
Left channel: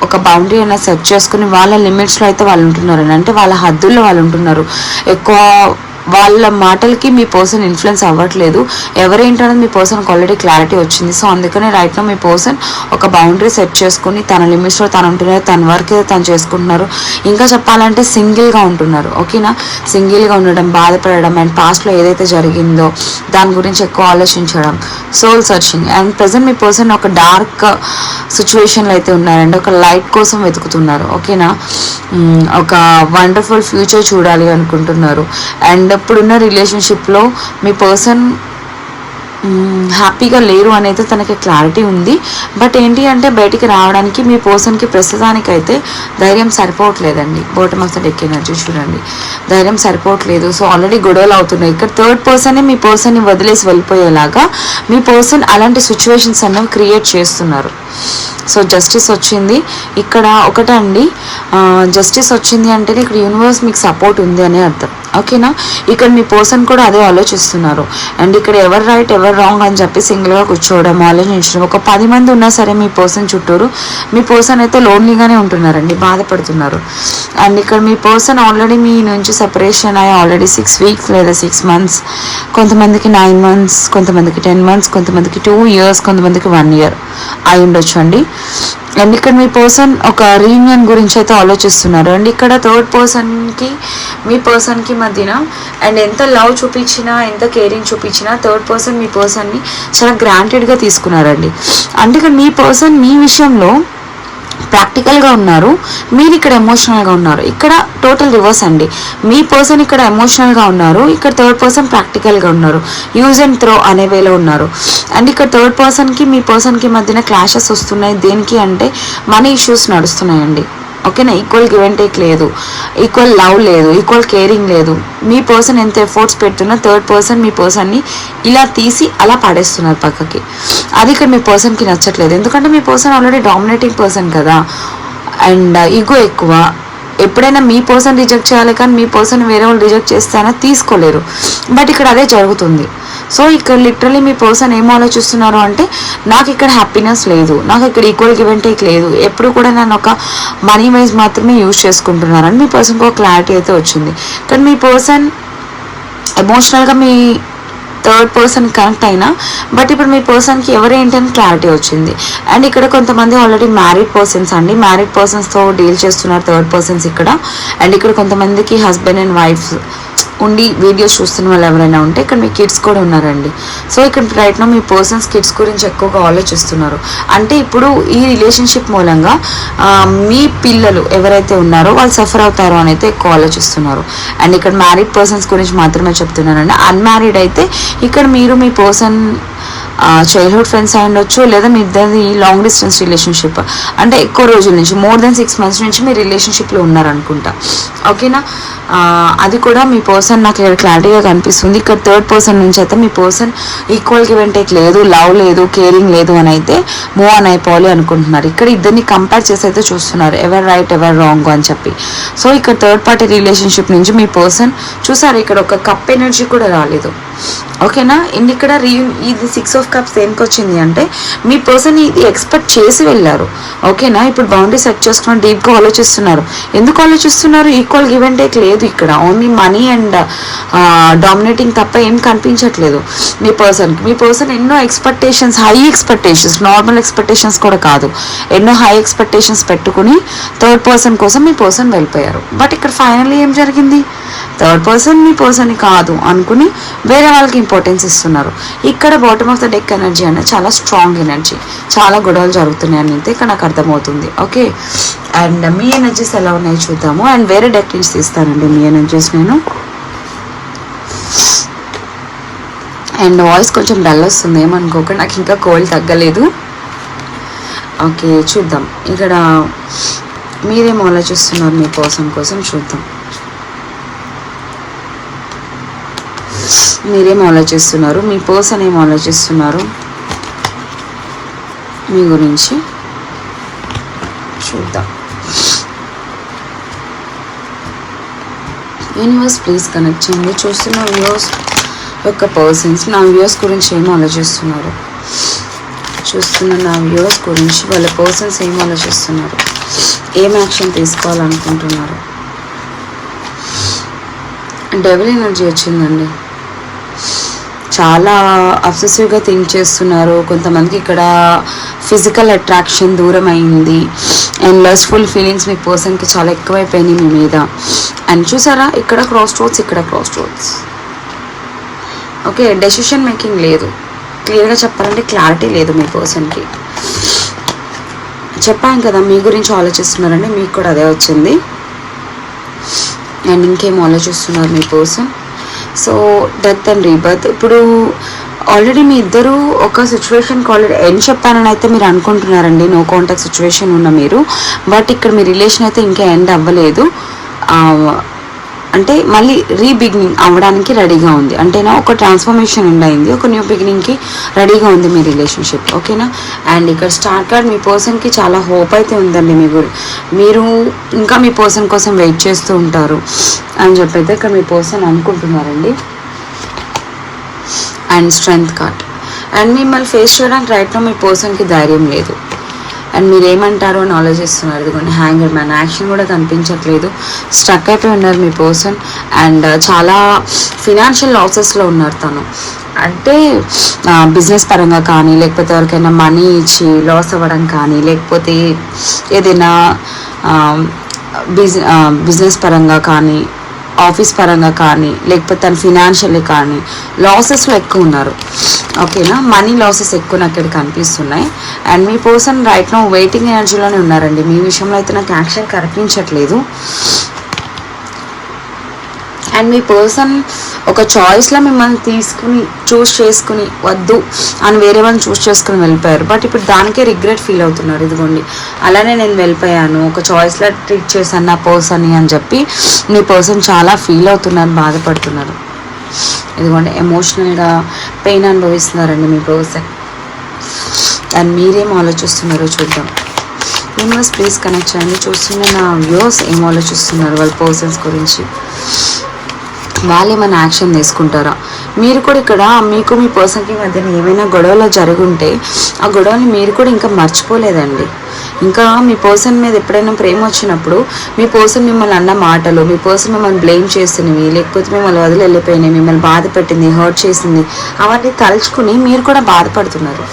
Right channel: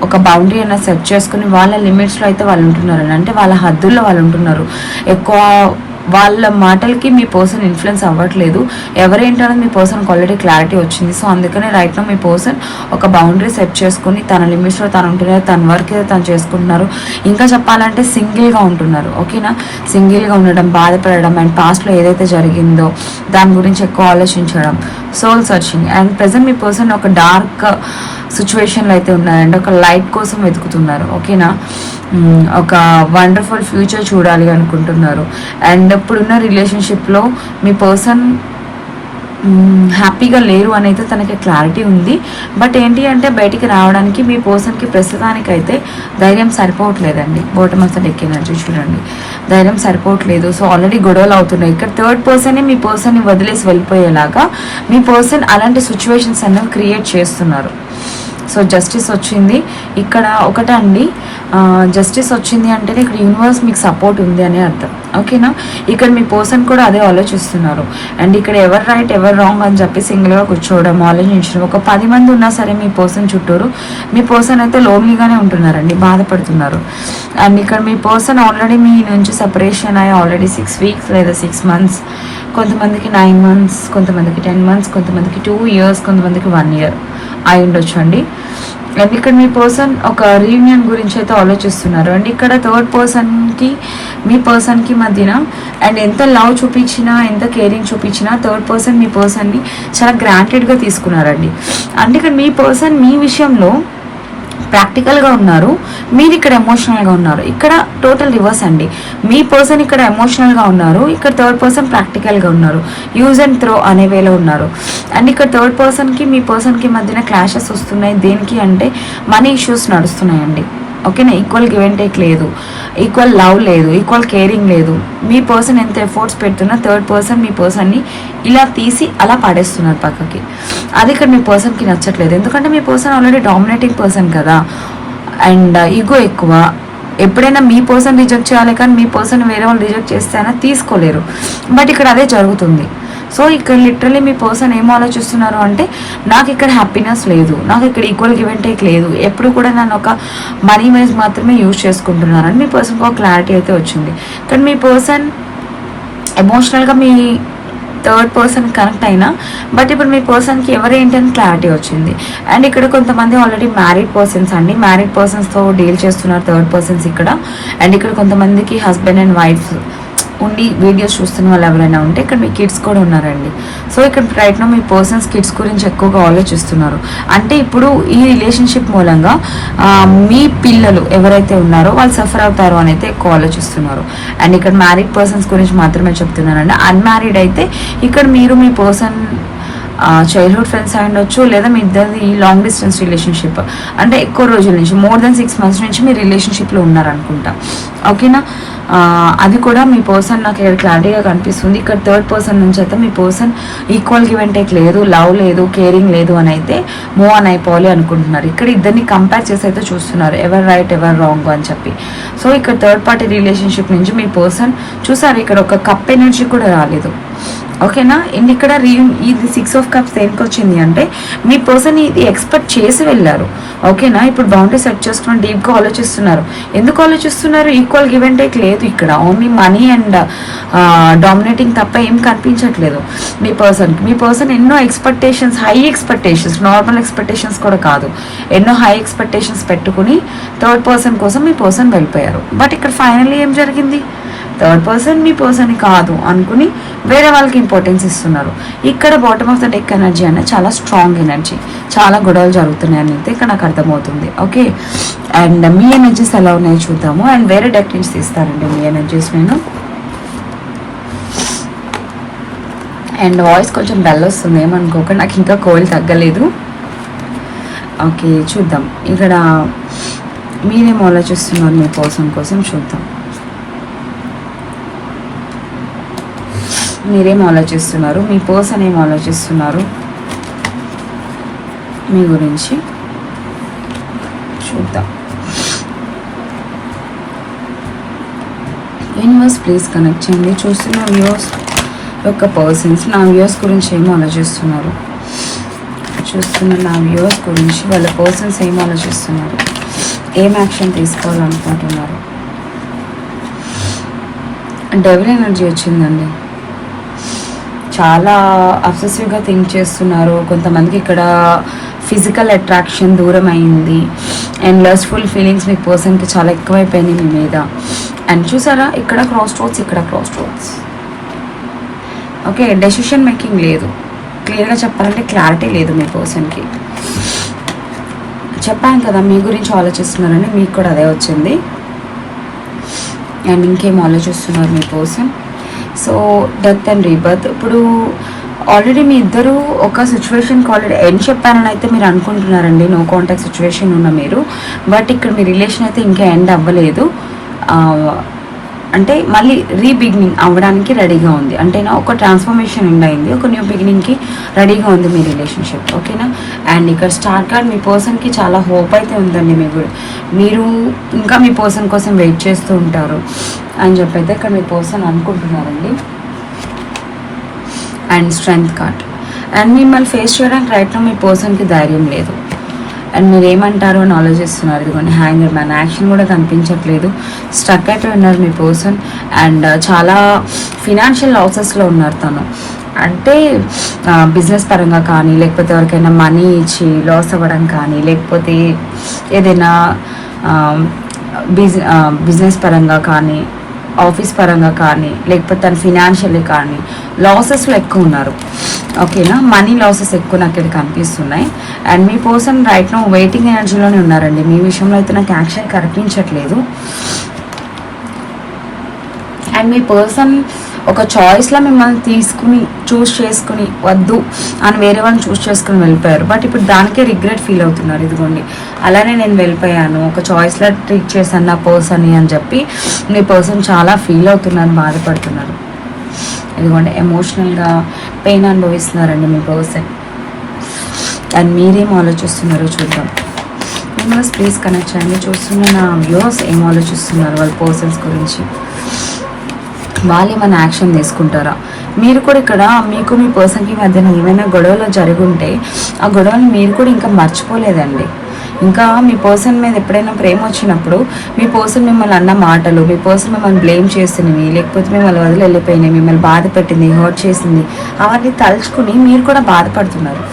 ఒక బౌండరీ అయినా సెట్ చేసుకుని వాళ్ళ లిమిట్స్లో అయితే వాళ్ళు ఉంటున్నారు అంటే వాళ్ళ హద్దుల్లో వాళ్ళు ఉంటున్నారు. ఎక్కువ వాళ్ళ మాటలకి మీ పర్సన్ ఇన్ఫ్లుయెన్స్ అవ్వట్లేదు. ఎవరేంటనేది మీ పర్సన్కి ఆల్రెడీ క్లారిటీ వచ్చింది. సో అందుకనే రైట్లో మీ పర్సన్ ఒక బౌండరీ సెట్ చేసుకుని తన లిమిట్స్లో తను ఉంటున్నారు తన వర్క్ తను చేసుకుంటున్నారు. ఇంకా చెప్పాలంటే సింగిల్గా ఉంటున్నారు. ఓకేనా సింగిల్గా ఉండడం బాధపడడం అండ్ పాస్ట్లో ఏదైతే జరిగిందో దాని గురించి ఎక్కువ ఆలోచించడం. సోల్ సర్చింగ్ అండ్ ప్రజెంట్ మీ పర్సన్ ఒక డార్క్ సిచ్యువేషన్లో అయితే ఉన్నారండి. ఒక లైట్ కోసం వెతుకుతున్నారు. ఓకేనా? ఒక వండర్ఫుల్ ఫ్యూచర్ చూడాలి అనుకుంటున్నారు. అండ్ ఇప్పుడున్న రిలేషన్షిప్లో మీ పర్సన్ హ్యాపీగా లేరు అనేది తనకి క్లారిటీ ఉంది. బట్ ఏంటి అంటే బయటికి రావడానికి మీ పర్సన్కి ప్రస్తుతానికైతే ధైర్యం సరిపోవట్లేదండి. Bottom of the deck energy చూడండి. ధైర్యం సరిపోవట్లేదు. సో ఆల్రెడీ గొడవలు అవుతున్నాయి. ఇక్కడ థర్డ్ పర్సనే మీ పర్సన్ని వదిలేసి వెళ్ళిపోయేలాగా మీ పర్సన్ అలాంటి సిచ్యువేషన్స్ అనేవి క్రియేట్ చేస్తున్నారు. సో జస్టిస్ వచ్చింది. ఇక్కడ ఒకటండి జస్టిస్ వచ్చింది అంటే ఇక్కడ యూనివర్స్ మీకు సపోర్ట్ ఉంది అనే అర్థం. ఓకేనా ఇక్కడ మీ పర్సన్ కూడా అదే ఆలోచిస్తున్నారు. అండ్ ఇక్కడ ఎవరు రైట్ ఎవరు రాంగ్ అని చెప్పి సింగిల్గా కూర్చోవడం ఆలోచించడం ఒక పది మంది ఉన్నా సరే మీ పర్సన్ చుట్టూరు మీ పర్సన్ అయితే లోన్లీగానే ఉంటున్నారండి బాధపడుతున్నారు. అండ్ ఇక్కడ మీ పర్సన్ ఆల్రెడీ మీ నుంచి సెపరేషన్ అయ్యి ఆల్రెడీ సిక్స్ వీక్స్ లేదా సిక్స్ మంత్స్ కొంతమందికి నైన్ మంత్స్ కొంతమందికి టెన్ మంత్స్ కొంతమందికి టూ ఇయర్స్ కొంతమందికి వన్ ఇయర్ అయి ఉండొచ్చు అండి అండ్ ఇక్కడ మీ పర్సన్ ఒక రీయూనియన్ గురించి అయితే ఆలోచిస్తున్నారు. అండ్ ఇక్కడ థర్డ్ పర్సన్కి మీ పర్సన్కి మధ్యన అండ్ ఎంత లవ్ చూపించినా ఎంత కేరింగ్ చూపించినా థర్డ్ పర్సన్ మీ పర్సన్ని చాలా గ్రాంటెడ్గా తీసుకున్నారండి. అంటే ఇక్కడ మీ పర్సన్ మీ విషయంలో ప్రాక్టికల్గా ఉన్నారు. మీరు ఇక్కడ ఎమోషనల్గా ఉన్నారు. ఇక్కడ టోటల్ రివర్స్ అండి. మీ పర్సన్ ఇక్కడ ఎమోషనల్గా ఉన్నారు. ఇక్కడ థర్డ్ పర్సన్ ప్రాక్టికల్గా ఉన్నారు. యూజ్ అండ్ త్రో అనే వేలో ఉన్నారు. అండ్ ఇక్కడ థర్డ్ పర్సన్కి మీ పర్సన్కి మధ్యన క్లాషెస్ వస్తున్నాయి. దేనికి అంటే మనీ ఇష్యూస్ నడుస్తున్నాయండి. ఓకేనా? ఈక్వల్ గివ్ అండ్ టేక్ లేదు. ఈక్వల్ లవ్ లేదు. ఈక్వల్ కేరింగ్ లేదు. మీ పర్సన్ ఎంత ఎఫర్ట్స్ పెడుతున్నా థర్డ్ పర్సన్ మీ పర్సన్ని ఇలా తీసి అలా పడేస్తున్నారు పక్కకి. అది ఇక్కడ మీ పర్సన్కి నచ్చట్లేదు. ఎందుకంటే మీ పర్సన్ ఆల్రెడీ డామినేటింగ్ పర్సన్ కదా. అండ్ ఈగో uh, ఎక్కువ. ఎప్పుడైనా మీ పర్సన్ రిజెక్ట్ చేయాలి కానీ మీ పర్సన్ వేరే వాళ్ళు రిజెక్ట్ చేస్తేనే తీసుకోలేరు. బట్ ఇక్కడ అదే జరుగుతుంది. సో ఇక్కడ లిటరలీ మీ పర్సన్ ఏం ఆలోచిస్తున్నారు అంటే నాకు ఇక్కడ హ్యాపీనెస్ లేదు. నాకు ఇక్కడ ఈక్వల్ గివ్ అండ్ టేక్ లేదు. ఎప్పుడు కూడా నన్ను ఒక మనీ వైజ్ మాత్రమే యూజ్ చేసుకుంటున్నారు అని మీ పర్సన్కి ఒక క్లారిటీ అయితే వచ్చింది. కానీ మీ పర్సన్ ఎమోషనల్గా మీ థర్డ్ పర్సన్ కనెక్ట్ అయినా బట్ ఇప్పుడు మీ పర్సన్కి ఎవరేంటని క్లారిటీ వచ్చింది? అండ్ ఇక్కడ కొంతమంది ఆల్రెడీ మ్యారీడ్ పర్సన్స్ అండి. మ్యారీడ్ పర్సన్స్తో డీల్ చేస్తున్నారు థర్డ్ పర్సన్స్ ఇక్కడ. అండ్ ఇక్కడ కొంతమందికి హస్బెండ్ అండ్ వైఫ్ ఉండి వీడియోస్ చూస్తున్న వాళ్ళు ఎవరైనా ఉంటే ఇక్కడ మీ కిడ్స్ కూడా ఉన్నారండి. సో ఇక్కడ రైట్ మీ పర్సన్స్ కిడ్స్ గురించి ఎక్కువగా ఆలోచిస్తున్నారు. అంటే ఇప్పుడు ఈ రిలేషన్షిప్ మూలంగా మీ పిల్లలు ఎవరైతే ఉన్నారో వాళ్ళు సఫర్ అవుతారో అని అయితే ఎక్కువ ఆలోచిస్తున్నారు. అండ్ ఇక్కడ మ్యారీడ్ పర్సన్స్ గురించి మాత్రమే చెప్తున్నానండి. అన్మ్యారీడ్ అయితే ఇక్కడ మీరు మీ పర్సన్ చైల్డ్హుడ్ ఫ్రెండ్స్ అయి ఉండొచ్చు లేదా మీ ఇద్దరిది లాంగ్ డిస్టెన్స్ రిలేషన్షిప్ అంటే ఎక్కువ రోజుల నుంచి మోర్ దెన్ సిక్స్ మంత్స్ నుంచి మీ రిలేషన్షిప్లో ఉన్నారనుకుంటా. ఓకేనా అది కూడా మీ పర్సన్ నాకు ఇక్కడ క్లారిటీగా కనిపిస్తుంది. ఇక్కడ థర్డ్ పర్సన్ నుంచి అయితే మీ person equal give and take లేదు లవ్ లేదు కేరింగ్ లేదు అని అయితే మూవ్ ఆన్ అయిపోవాలి అనుకుంటున్నారు. ఇక్కడ ఇద్దరిని కంపేర్ చేసి అయితే చూస్తున్నారు. ఎవరు రైట్ ఎవరు రాంగ్ అని చెప్పి. సో ఇక్కడ థర్డ్ పార్టీ రిలేషన్షిప్ నుంచి మీ పర్సన్ చూసారు ఇక్కడ ఒక కప్ ఎనర్జీ కూడా రాలేదు. ఓకేనా అండ్ ఇక్కడ రీ ఇది సిక్స్ ఆఫ్ కప్స్ దేనికి వచ్చింది అంటే మీ పర్సన్ ఇది ఎక్స్పెక్ట్ చేసి వెళ్ళారు. ఓకేనా ఇప్పుడు బౌండరీ సెట్ చేసుకుని డీప్గా ఆలోచిస్తున్నారు. ఎందుకు ఆలోచిస్తున్నారు? ఈక్వల్ గివ్ అండ్ టేక్ లేదు ఇక్కడ. ఓన్లీ మనీ అండ్ డామినేటింగ్ తప్ప ఏం కనిపించట్లేదు. మీ పర్సన్కి మీ పర్సన్ ఎన్నో expectations high expectations normal expectations కూడా కాదు. ఎన్నో హై ఎక్స్పెక్టేషన్స్ పెట్టుకుని థర్డ్ పర్సన్ కోసం మీ పర్సన్ వెళ్ళిపోయారు. బట్ ఇక్కడ ఫైనల్లీ ఏం జరిగింది? థర్డ్ పర్సన్ మీ పర్సన్ కాదు అనుకుని వేరే వాళ్ళకి ఇంపార్టెన్స్ ఇస్తున్నారు. ఇక్కడ bottom of the deck energy అనే చాలా స్ట్రాంగ్ ఎనర్జీ చాలా గొడవలు జరుగుతున్నాయి అని అయితే ఇక్కడ నాకు అర్థమవుతుంది. ఓకే అండ్ మీ ఎనర్జీస్ ఎలా ఉన్నాయో చూద్దాము. అండ్ వేరే డెక్ నుంచి తీస్తానండి మీ ఎనర్జీస్ నేను. అండ్ వాయిస్ కొంచెం డల్ వస్తుంది. ఏమనుకోక నాకు ఇంకా కోల్డ్ తగ్గలేదు. ఓకే చూద్దాం. ఇక్కడ మీరేం ఆలోచిస్తున్నారు మీ పర్సన్ కోసం? చూద్దాం. మీరేం ఆలోచిస్తున్నారు? మీ పర్సన్ ఏం ఆలోచిస్తున్నారు? మీ గురించి చూద్దాం. యూనివర్స్ ప్లీజ్ కనెక్ట్ చేయండి. చూస్తున్న వ్యూస్ యొక్క పర్సన్స్ నా వ్యూస్ గురించి ఏం ఆలోచిస్తున్నారు? చూస్తున్న నా వ్యూస్ గురించి వాళ్ళ పర్సన్స్ ఏం ఆలోచిస్తున్నారు? ఏం యాక్షన్ తీసుకోవాలనుకుంటున్నారు? డెవిల్ ఎనర్జీ వచ్చిందండి. చాలా అబ్సెసివ్గా థింక్ చేస్తున్నారు. కొంతమందికి ఇక్కడ ఫిజికల్ అట్రాక్షన్ దూరం అయింది. అండ్ లస్ఫుల్ ఫీలింగ్స్ మీ పర్సన్కి చాలా ఎక్కువైపోయినాయి మీ మీద. అండ్ చూసారా? ఇక్కడ క్రాస్ రోడ్స్ ఇక్కడ cross roads okay decision making లేదు. క్లియర్గా చెప్పాలంటే క్లారిటీ లేదు మీ పర్సన్కి చెప్పాను కదా మీ గురించి ఆలోచిస్తున్నారండి మీకు కూడా అదే వచ్చింది. అండ్ ఇంకేం ఆలోచిస్తున్నారు మీ person so death and rebirth. ఇప్పుడు ఆల్రెడీ మీ ఇద్దరు ఒక సిచ్యువేషన్కి ఆల్రెడీ ఎండ్ చెప్పానని అయితే మీరు అనుకుంటున్నారండి. నో కాంటాక్ట్ సిచ్యువేషన్ ఉన్న మీరు. బట్ ఇక్కడ మీ రిలేషన్ అయితే ఇంకా ఎండ్ అవ్వలేదు. అంటే మళ్ళీ రీబిగినింగ్ అవ్వడానికి రెడీగా ఉంది. అంటేనా ఒక ట్రాన్స్ఫర్మేషన్ ఉండయింది. ఒక న్యూ బిగినింగ్కి రెడీగా ఉంది మీ రిలేషన్షిప్ ఓకేనా? అండ్ ఇక్కడ స్టార్ కార్డ్ మీ పర్సన్కి చాలా హోప్ అయితే ఉందండి మీ మీరు ఇంకా మీ పర్సన్ కోసం వెయిట్ చేస్తూ ఉంటారు అని చెప్పైతే ఇక్కడ మీ పర్సన్ అనుకుంటున్నారండి. అండ్ స్ట్రెంగ్త్ కార్డ్ అండ్ మిమ్మల్ని ఫేస్ చేయడానికి రైట్లో మీ పర్సన్కి ధైర్యం లేదు. అండ్ మీరు ఏమంటారో అని ఆలోచిస్తున్నారు. ఇదిగోండి హ్యాంగర్ మ్యాన్. యాక్షన్ కూడా కనిపించట్లేదు. స్ట్రక్ అయిపోయి ఉన్నారు మీ పర్సన్. అండ్ చాలా ఫినాన్షియల్ లాసెస్లో ఉన్నారు తను. అంటే బిజినెస్ పరంగా కానీ లేకపోతే ఎవరికైనా మనీ ఇచ్చి లాస్ అవ్వడం కానీ లేకపోతే ఏదైనా బిజ బిజినెస్ పరంగా కానీ ఆఫీస్ పరంగా కానీ లేకపోతే తన ఫినాన్షియల్ కానీ లాసెస్లో ఎక్కువ ఉన్నారు. ఓకేనా? మనీ లాసెస్ ఎక్కువ నాకు ఇక్కడ కనిపిస్తున్నాయి. అండ్ మీ పర్సన్ రైట్ నో వెయిటింగ్ ఎనర్జీలోనే ఉన్నారండి. మీ విషయంలో అయితే నాకు యాక్షన్ కనిపించట్లేదు. అండ్ మీ పర్సన్ ఒక చాయిస్లో మిమ్మల్ని తీసుకుని చూస్ చేసుకుని వద్దు అని వేరే వాళ్ళని చూస్ చేసుకుని వెళ్ళిపోయారు. బట్ ఇప్పుడు దానికే రిగ్రెట్ ఫీల్ అవుతున్నారు. ఇదిగోండి. అలానే నేను వెళ్ళిపోయాను. ఒక చాయిస్లో ట్రీట్ చేశాను నా పర్సన్ని అని చెప్పి మీ పర్సన్ చాలా ఫీల్ అవుతున్నారు బాధపడుతున్నారు. ఇదిగోండి ఎమోషనల్గా పెయిన్ అనుభవిస్తున్నారండి మీ పర్సన్ అండ్ మీరేం ఆలోచిస్తున్నారో చూద్దాం. యూనివర్స్ ప్లీజ్ కనెక్ట్ చేయండి. చూస్తున్న నా వ్యూస్ ఏం ఆలోచిస్తున్నారు? వాళ్ళ పర్సన్స్ గురించి. వాళ్ళు ఏమైనా యాక్షన్ తీసుకుంటారా? మీరు కూడా ఇక్కడ మీకు మీ పర్సన్కి మధ్యన ఏమైనా గొడవలు జరుగుంటే ఆ గొడవని మీరు కూడా ఇంకా మర్చిపోలేదండి. ఇంకా మీ పర్సన్ మీద ఎప్పుడైనా ప్రేమ వచ్చినప్పుడు మీ పర్సన్ మిమ్మల్ని అన్న మాటలు మీ పర్సన్ మిమ్మల్ని బ్లేమ్ చేసినవి లేకపోతే మిమ్మల్ని వదిలి వెళ్ళిపోయినాయి మిమ్మల్ని బాధ పెట్టింది హర్ట్ చేసింది అవన్నీ తలుచుకుని మీరు కూడా బాధపడుతున్నారు.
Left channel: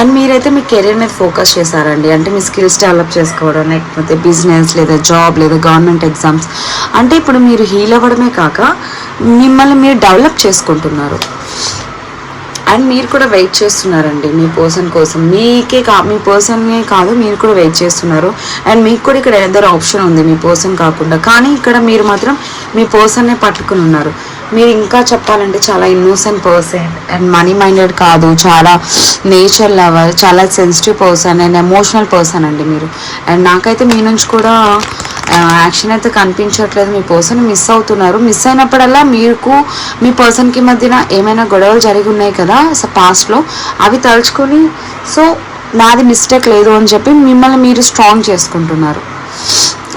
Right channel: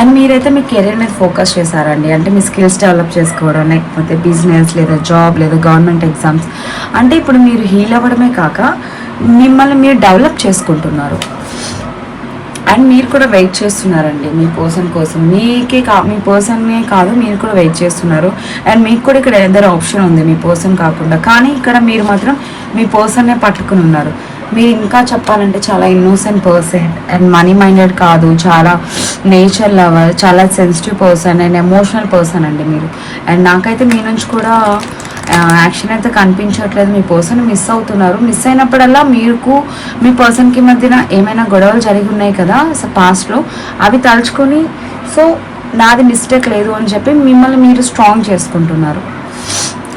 అండ్ మీరైతే మీ కెరీర్ మీద ఫోకస్ చేశారండి. అంటే మీ స్కిల్స్ డెవలప్ చేసుకోవడం లేకపోతే బిజినెస్ లేదా జాబ్ లేదా గవర్నమెంట్ ఎగ్జామ్స్ అంటే ఇప్పుడు మీరు హీల్ అవ్వడమే కాక మిమ్మల్ని మీరు డెవలప్ చేసుకుంటున్నారు. అండ్ మీరు కూడా వెయిట్ చేస్తున్నారండి మీ పర్సన్ కోసం. మీకే కా మీ పర్సన్నే కాదు మీరు కూడా వెయిట్ చేస్తున్నారు. అండ్ మీకు కూడా ఇక్కడ ఎదర్ ఆప్షన్ ఉంది మీ పర్సన్ కాకుండా. కానీ ఇక్కడ మీరు మాత్రం మీ పర్సన్నే పట్టుకుని ఉన్నారు. మీరు ఇంకా చెప్పాలంటే చాలా innocent person and money minded కాదు. చాలా నేచర్ లవర్ చాలా sensitive person and emotional person అండి మీరు. అండ్ నాకైతే మీ నుంచి కూడా యాక్షన్ అయితే కనిపించట్లేదు. మీ పర్సన్ మిస్ అవుతున్నారు. మిస్ అయినప్పుడల్లా మీకు మీ పర్సన్కి మధ్యన ఏమైనా గొడవలు జరిగి ఉన్నాయి కదా పాస్ట్లో అవి తలుచుకొని సో నాది మిస్టేక్ లేదు అని చెప్పి మిమ్మల్ని మీరు స్ట్రాంగ్ చేసుకుంటున్నారు.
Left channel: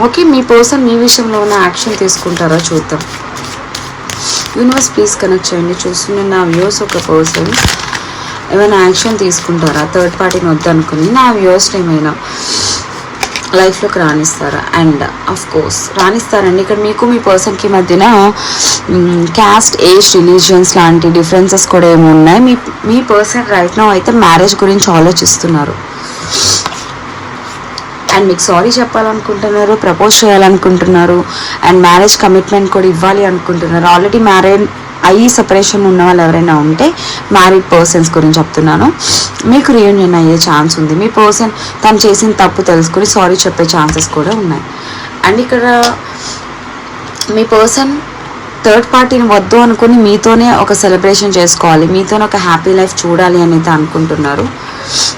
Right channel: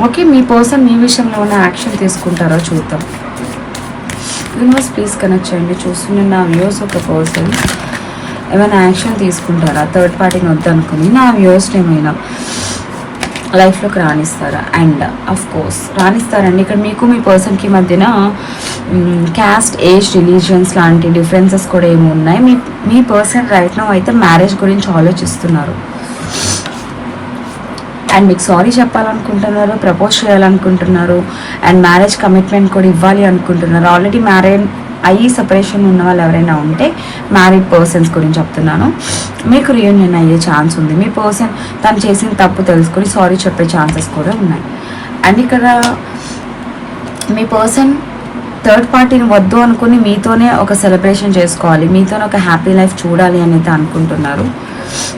ఓకే మీ పర్సన్ మీ విషయంలో ఉన్న యాక్షన్ తీసుకుంటారో చూద్దాం. యూనివర్స్ ప్లీజ్ కనెక్ట్ చేయండి. చూస్తున్న నా వ్యూస్ ఒక పర్సన్ ఏమైనా యాక్షన్ తీసుకుంటారా? థర్డ్ పార్టీని వద్దనుకుని నా వ్యూస్ని ఏమైనా లైఫ్లోకి రాణిస్తారా అండ్ అఫ్ కోర్స్ రాణిస్తారండి ఇక్కడ మీకు మీ పర్సన్కి మధ్యన క్యాస్ట్ ఏజ్ రిలీజియన్స్ లాంటి డిఫరెన్సెస్ కూడా ఏమి ఉన్నాయి. మీ మీ పర్సన్ రైట్ నో అయితే మ్యారేజ్ గురించి ఆలోచిస్తున్నారు. అండ్ మీకు సారీ చెప్పాలనుకుంటున్నారు ప్రపోజ్ చేయాలనుకుంటున్నారు అండ్ మ్యారేజ్ కమిట్మెంట్ కూడా ఇవ్వాలి అనుకుంటున్నారు. ఆల్రెడీ మ్యారేజ్ అయ్యి సెపరేషన్ ఉన్న వాళ్ళు ఎవరైనా ఉంటే మ్యారీడ్ పర్సన్స్ గురించి చెప్తున్నాను. మీకు రీయూనియన్ అయ్యే ఛాన్స్ ఉంది. మీ పర్సన్ తను చేసిన తప్పు తెలుసుకొని సారీ చెప్పే ఛాన్సెస్ కూడా ఉన్నాయి. అండ్ ఇక్కడ మీ పర్సన్ థర్డ్ పార్టీని వద్దు అనుకుని మీతోనే ఒక సెలబ్రేషన్ చేసుకోవాలి. మీతోనే ఒక హ్యాపీ లైఫ్ చూడాలి అనేది అనుకుంటున్నారు.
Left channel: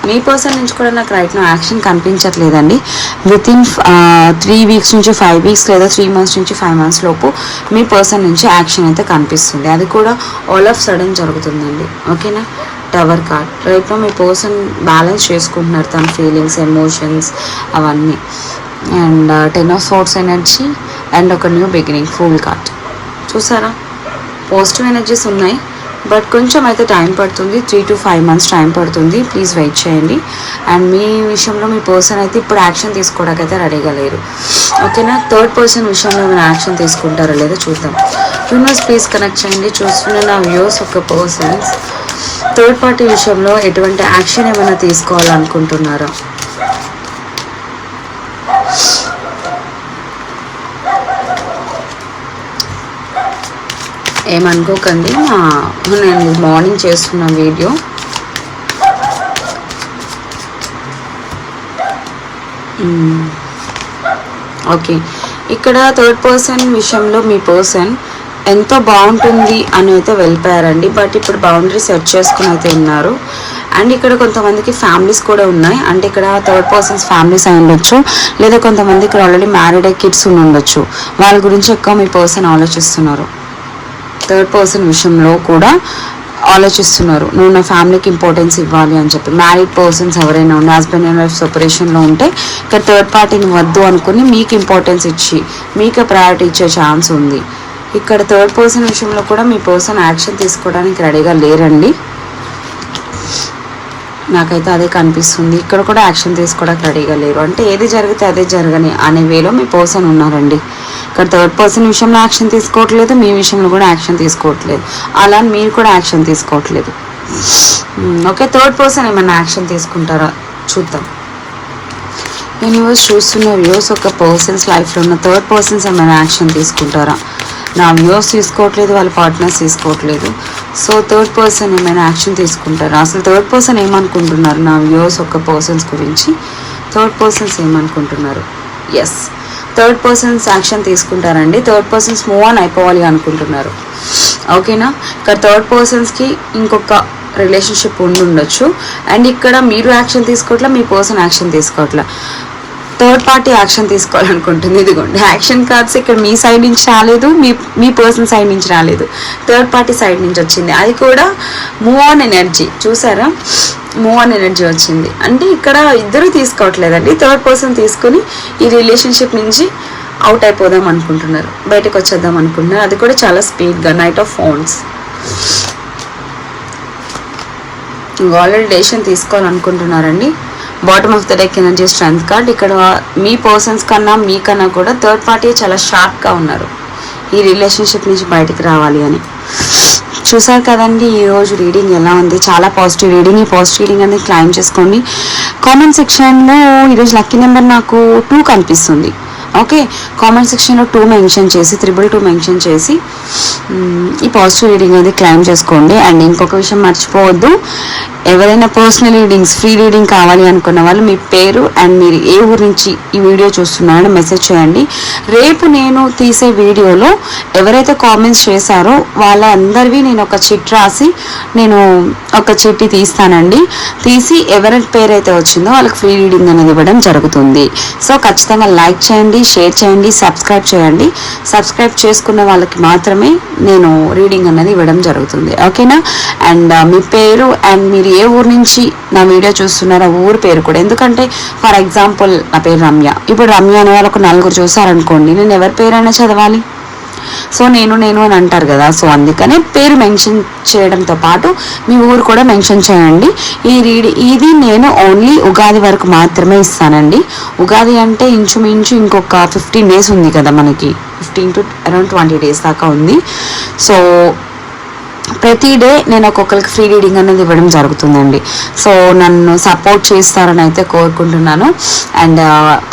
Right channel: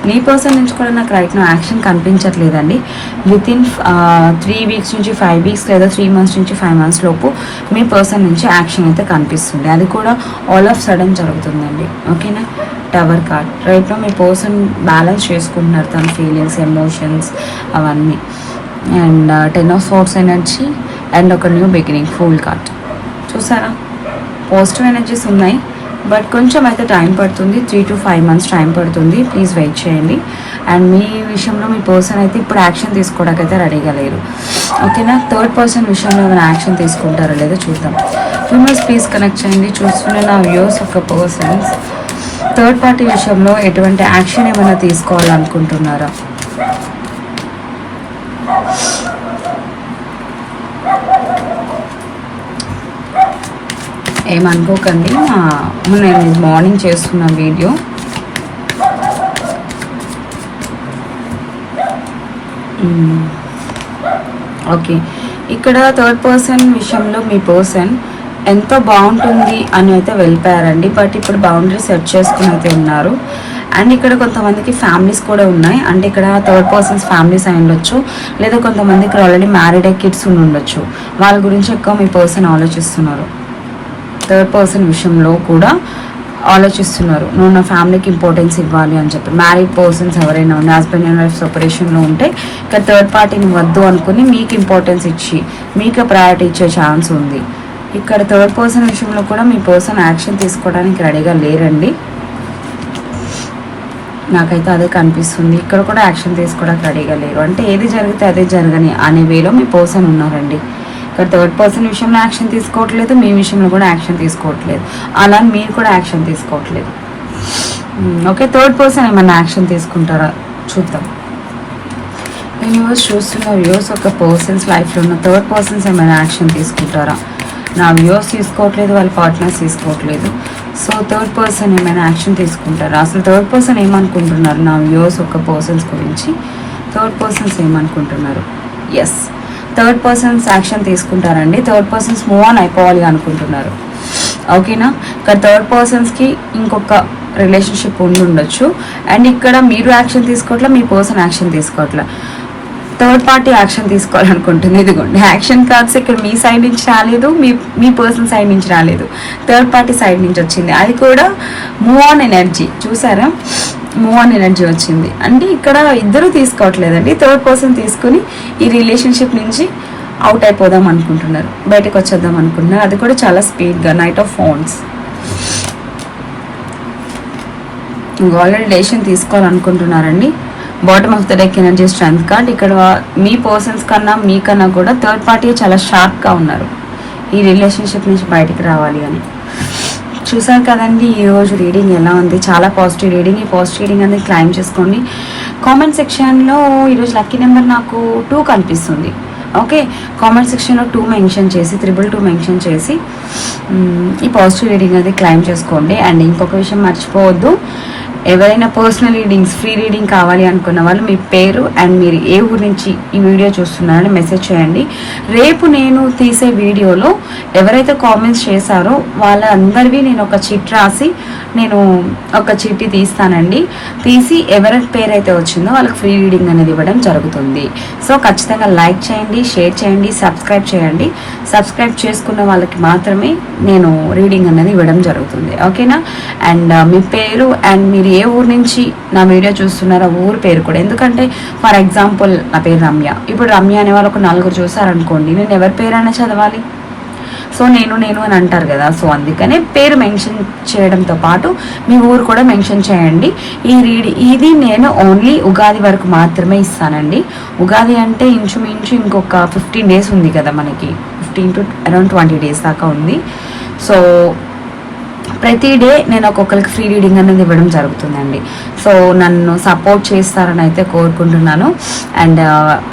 మీ పర్సన్ నుంచి కూడా నాకు రైట్ నా యాక్షన్ కనిపించట్లేదండి. విత్ ఇన్ త్రీ వీక్స్ నుంచి ఫైవ్ వీక్స్ లేదా త్రీ మంత్స్ నుంచి ఫైవ్ మంత్స్ లోపు మీ పర్సన్ నుంచి యాక్షన్ అయితే కనిపిస్తుంది. అది కూడా ఆల్ ఆఫ్ సడన్ జరుగుతుందండి. ఓకేనా టవర్ కార్డ్ రైట్లో మీ పర్సన్ బ్యాలెన్స్ చేసుకుంటున్నారు తన ఫీలింగ్స్ ఎమోషన్స్ అవన్నీ. And ten of swords energy and ఒక న్యూ బిగినింగ్ ఫుల్ కార్డ్ చూసారా? పాజిటివ్ ఎనర్జీస్ ఉన్నాయి. బట్ కొంచెం అయితే టైం పడుతుంది. Three to five months time పడుతుంది. ప్లీజ్ వెయిట్ చేయండి. అండ్ మీ విషయంలో మీ పర్సన్ అయితే ఇప్పుడు యాక్షన్ తీసుకోవడానికి అయితే రెడీగా లేరు. ఓకేనా? థర్డ్ పర్సన్ విషయంలో ఏమైనా యాక్షన్ తీసుకుంటారో లేదో చూద్దాం. యూనివర్స్ ప్లీజ్ కనెక్ట్ చేయండి. చూస్తున్న నా వ్యూస్ ఒక పర్సన్స్ థర్డ్ పార్టీ విషయంలో ఎటువంటి యాక్షన్ ఏమైనా తీసుకోవాలనుకుంటున్నారా? ఏమనుకోకండి. మా- నేను మార్నింగ్ చేస్తున్న వీడియో ఓకే. ఇక్కడ థర్డ్ పర్సన్ విషయంలో మీ పర్సన్ ఎంతో బాగుంటుంది అని అయితే వెళ్ళిపోయారండి. బట్ ఇప్పుడు బౌండరీ సెట్ చేసుకుని అయితే ఉన్నారు. అండ్ ఇక్కడ కొంతమందికి ఫ్యామిలీస్ కూడా ఉన్నాయి. అంటే ఇక్కడ థర్డ్ పర్సన్స్ ఫ్యామిలీస్ అయి ఉండొచ్చు. లేదా కొంతమంది ఇక్కడ ఆల్రెడీ మ్యారీడ్ అయ్యి కిడ్స్ ఉండి ఉండొచ్చు. వాళ్ళ గురించి ఎక్కువ మీ పర్సన్ ఆలోచిస్తున్నారు. థర్డ్ పర్సన్ విషయంలో కూడా ఆలోచిస్తున్నారు. నువ్వు నా ఫ్యామిలీకి ఇంపార్టెన్స్ ఇవ్వాలి అని చెప్పి. మ్యారీడ్ పర్సన్స్ ఎవరైనా ఉన్న హస్బెండ్ అండ్ వైఫ్ సెపరేషన్లో ఉంటే ఇక్కడ థర్డ్ పార్టీని వద్దు అనుకుని మీకు ఇంపార్టెన్స్ ఇచ్చి మీకు ప్రయారిటీ ఇచ్చే ఛాన్స్ ఉంది. ఇక్కడ థర్డ్ పర్సన్ విషయంలో కూడా మీ పర్సన్ యాక్షన్ తీసుకోవడానికి రెడీగా లేరండి. నాకైతే అదే కనిపిస్తుంది. ఇక్కడ కూడా యాక్షన్ తీసుకోవడానికి రెడీగా లేరు. అంటే ఏది జరిగితే అదే జరగని అనే వేలో మీ పర్సన్ ఉన్నారండి. ఇక్కడ థర్డ్ పర్సన్ విషయంలో యాక్షన్ తీసుకోవట్లేదు మీ విషయంలో కూడా యాక్షన్ తీసుకోవట్లేదు. అలా అని మీరు కూడా యాక్షన్ తీసుకోవట్లేదు. Hmm, ఓకే థర్డ్ పర్సన్ ఏమైనా యాక్షన్ తీసుకుంటారా? చూద్దాం. యూనివర్స్ చూస్తున్న వ్యూస్ ఒక పర్సన్స్ లైఫ్లో ఉన్న థర్డ్ పర్సన్స్ ఏమైనా యాక్షన్ తీసుకుంటారా? నా వ్యూస్ తీసుకోవట్లేదు వాళ్ళ పార్ట్నర్స్ తీసుకోవట్లేదు. సో థర్డ్ పర్సన్ ఏమైనా యాక్షన్ తీసుకుంటారా? అసలు థర్డ్ పర్సన్ ఏమనుకుంటున్నారు? నా వ్యూస్ ఒక పర్సన్స్ గురించి. థర్డ్ పర్సన్స్ ఏమనుకుంటున్నారు? ఎస్ థర్డ్ పర్సన్స్ యాక్షన్ తీసుకుంటారండి. థర్డ్ పర్సన్స్ మూవ్ ఆన్ అయిపోవాలి అనుకుంటున్నారు. ఓకేనా? ఇక్కడ థర్డ్ పర్సన్స్కి ఇంకొక రిలేషన్షిప్ ఉండి ఉండొచ్చు. అండ్ ఇక్కడ మీరు యాక్షన్ తీసుకోవట్లే మీ పర్సన్ యాక్షన్ తీసుకోవట్లే. థర్డ్ పార్టీ యాక్షన్ తీసుకోవాలనుకుంటుంది ఇదిగోండి. యాక్షన్ కార్డ్స్ ఇక్కడ మీ సైడ్ నుంచి రాలేదు మీ మీ పర్సన్ సైడ్ నుంచి రాలేదు. థర్డ్ పార్టీ సైడ్ నుంచి వచ్చింది. అది కూడా మూవ్ ఆన్ ఎనర్జీ. చూసారా? మూవ్ ఆన్ ఎనర్జీ వచ్చింది. అంటే ఇక్కడ ఇద్దరు తీసుకోవట్లేదండి. థర్డ్ పర్సన్ తీసుకొని ఈ రిలేషన్షిప్ నుంచి అవుట్ అయిపోదాం అనుకుంటున్నారు. బయటకు వచ్చేద్దాం అనుకుంటున్నారు. అది కూడా చాలా స్పీడ్గా. Knight of phones. Already decision తీసుకోవాలనుకుంటున్నారండి. Bottom of the deck energy strength card. ఇక్కడ మీ పర్సన్స్ కన్నా మీకన్నా కూడా థర్డ్ పార్టీ చాలా షార్ప్గా ఉన్నారు. ఈ రిలేషన్షిప్ నుంచి బయటికి రావాలి అని. చూసారు కదండి ఈరోజు రీడింగ్ ఎలా ఉంది? చాలా పాజిటివ్ రీడింగ్ ఈ పాజిటివ్ రీడింగ్ అనేది క్లైమ్ చేసుకోండి. కామెంట్ సెక్షన్లో ఈరోజు లక్కీ నెంబర్ నాకు టూ కనిపిస్తుంది. ఓకే కామెంట్ సెక్షన్లో టూ మెన్షన్ చేసి త్రిబుల్ టూ మెన్షన్ చేసి ఈ పాజిటివ్ రీడింగ్ అనేది క్లైమ్ చేసుకోండి. అండ్ ఇంకొక విషయం మర్చిపోవద్దు. ఎవరైనా పర్సనల్ రీడింగ్స్ ఫ్రీ రీడింగ్ కావాలి అనుకున్న వాళ్ళు మీ పేరు అండ్ మీరు ఏ ఊరు నుంచి ఈ వీడియో చూస్తున్నారని మెసేజ్ చేయండి. రేపు నేను తీసే వీడియోలో ఎవరైతే కామెంట్స్ చేశారో వాళ్ళందరివి నేను ఒక చిట్ రాసి నేను ఒక చిట్టి తీస్తానండి. తీసి ఎవరి పేరు అయితే వచ్చిందో వాళ్ళకి ఫ్రీ రీడింగ్ అనేది ఇవ్వడం జరుగుతుంది. సో ఖచ్చితంగా లైక్ చేయండి షేర్ చేయండి సబ్స్క్రైబ్ చేయండి. సబ్స్క్రైబ్ చేసుకున్న వాళ్ళకి మాత్రమే నేను రీడింగ్ అనేది ఇవ్వడం జరుగుతుంది. ఓకేనా అండ్ uh, మీ పేరు అండ్ మీరు ఏ ఊరు నుంచి నా వీడియో చూస్తున్నారో ఆ ఊరు పేరు కూడా. ఎందుకంటే ఫర్ ఎగ్జాంపుల్ నా పేరు రమ్య. ఇప్పుడు రమ్య అనే వాళ్ళు ఒక నలుగురు చూసారనుకోండి నేను ఎవరి పేరైనా చదవాలి? సో నేను నేను అని అంటారు కదా. సో అందుకనే పేరు మెన్షన్ చేయడంతో పాటు మీ ఊరు కూడా మెన్షన్ చేయండి. ఈ రీడి ఇది నేను ఓన్లీ ఉగాది వరకు మాత్రమే ఇస్తానండి. ఉగాది అంటే ఇంచుమించు ఇంకొక ఫిఫ్టీన్ డేస్ ఉంది కదా మనకి. Fifteen to around twenty days దాకా ఉంది. సో ప్రతి డే నేను ఒక్కొక్కరికి ఫ్రీ రీడింగ్ అనేది ఇవ్వడం జరుగుతుందండి. సో నన్ను సపోర్ట్ చేస్తారని అయితే కోరుకుంటున్నాను. అండ్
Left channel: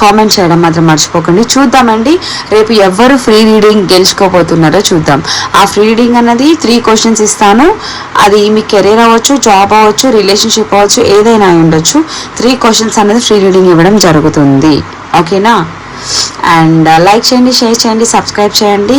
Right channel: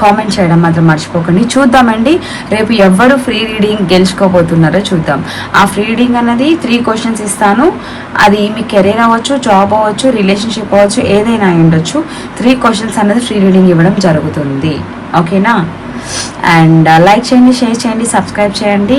కామెంట్ చేయడం మాత్రం మర్చిపోకండి. చూద్దామండి. రేపు ఎవరు ఫ్రీ రీడింగ్ గెలుచుకోబోతున్నారో చూద్దాం. ఆ ఫ్రీ రీడింగ్ అనేది త్రీ క్వశ్చన్స్ ఇస్తాను. అది మీ కెరీర్ అవ్వచ్చు జాబ్ అవ్వచ్చు రిలేషన్షిప్ అవ్వచ్చు ఏదైనా అయి ఉండొచ్చు. త్రీ క్వశ్చన్స్ అనేది ఫ్రీ రీడింగ్ ఇవ్వడం జరుగుతుంది. ఓకేనా? అండ్ లైక్ చేయండి షేర్ చేయండి సబ్స్క్రైబ్ చేయండి.